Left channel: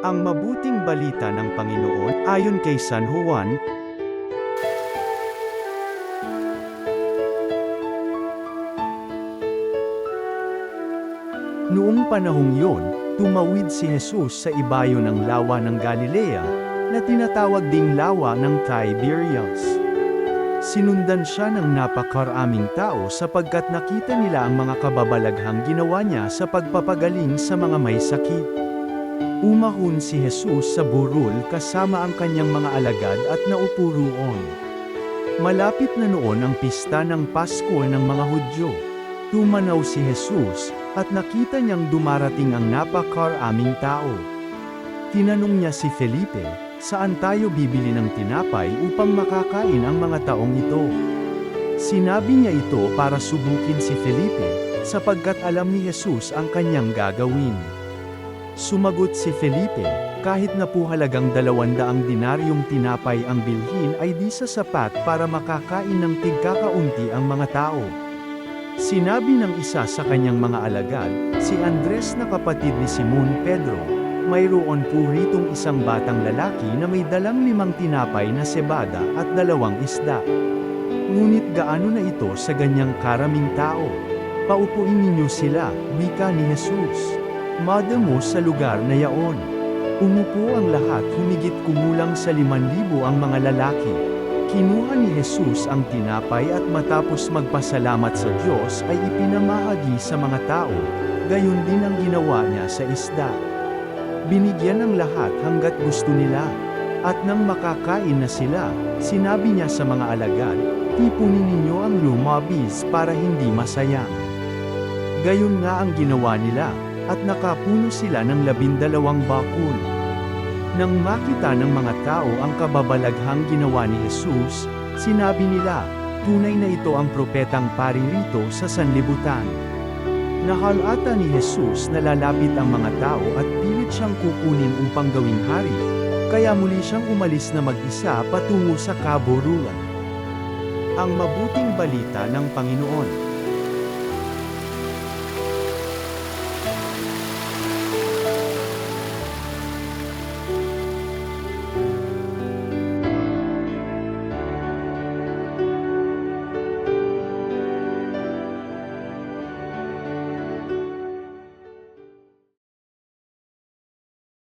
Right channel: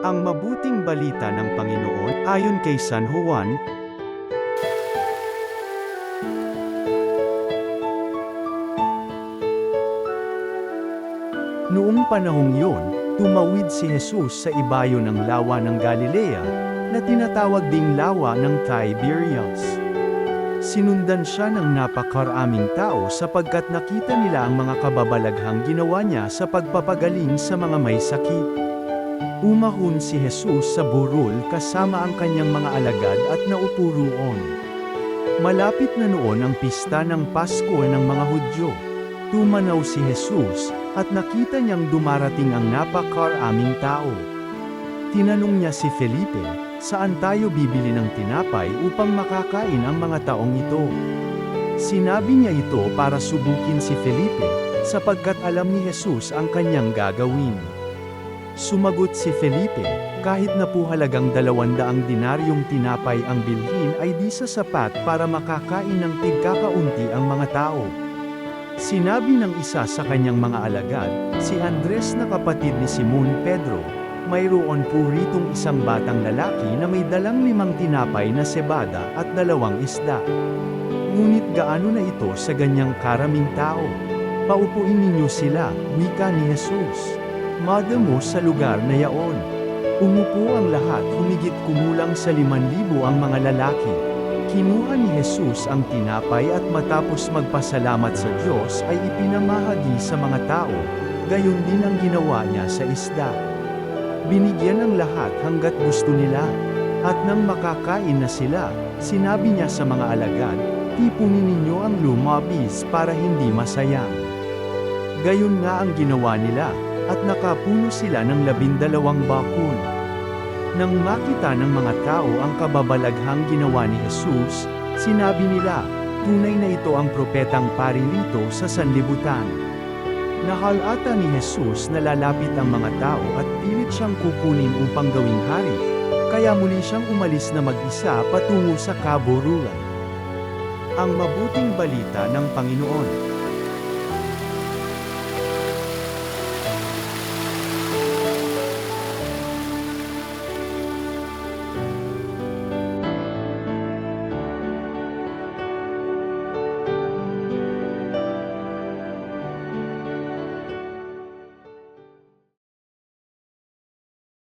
Ang mabuting balita ng Panginoon, ayon kay San Juan. Noong panahong yon, tumawid si Jesus sa ibayo ng lawa ng Galilea, na tinatawag ding lawa ng Tiberias. Sinundan siya ng napakaraming tao sapagkat nakita nila ang mga kababalaghang ginawa niya sa pagpapagaling sa mga may sakit. Umahon si Jesus sa burol kasama ang kanyang mga alagad at naupo roon. Malapit na noon ang pista ng Pasko ng mga Hudyo. Tumanaw si Jesus, at nakita niyang dumarating ang napakaraming tao. Tinanong niya si Felipe, "Saan tayo bibili ng tinapay upang makakain ang mga taong ito?" Sinabi niya ito para subukin si Felipe, sapagkat alam ni Jesus ang kanyang gagawin. Sumagot si Felipe, "Kahit na po halagang 200 dinaryong tinapay ang bilhin ay di sasapat para makakain ng tigkakaunti ang mga tao." Sinabi ng isa sa kanyang mga alagad, si Andres na kapatid ni Simon Pedro, "Mayroon po ritong isang batang lalaki na may dalang 5 tinapay na sebada at 2 isda. Ngunit gaano na ito sa ganyang karaming tao? Paupuin ninyo sila," wika ni Jesus. Madamo sa lugar na yaon. Umupo ang lahat, humigit kumulang sa 5,000 ang mga lalaki. Kinuha ni Jesus ang tinapay at matapos magpasalamat sa Diyos ay ipinamahagi sa mga tao, gayon din ang ginawa niya sa isda. Binigyan ng lahat hanggat gusto nila. At nang makakain na sila, sinabi niya sa mga alagad, "Tipunin ninyo ang lumabis para hindi masayang." Gayon nga ang ginawa nila, at nakapuno sila ng 12 bakul. Nang makita ng mga tao ang kababalaghang ginawa ni Jesus, sinabi nila, "Tunay na ito ang propetang paririto sa sanlibutan." Nahalata ni Jesus na lalapit ang mga tao at pilit siyang kukunin upang gawing hari, kaya muli siyang umalis na mag-isa patungo sa kaburulan. Ang mabuting balita ng Panginoon.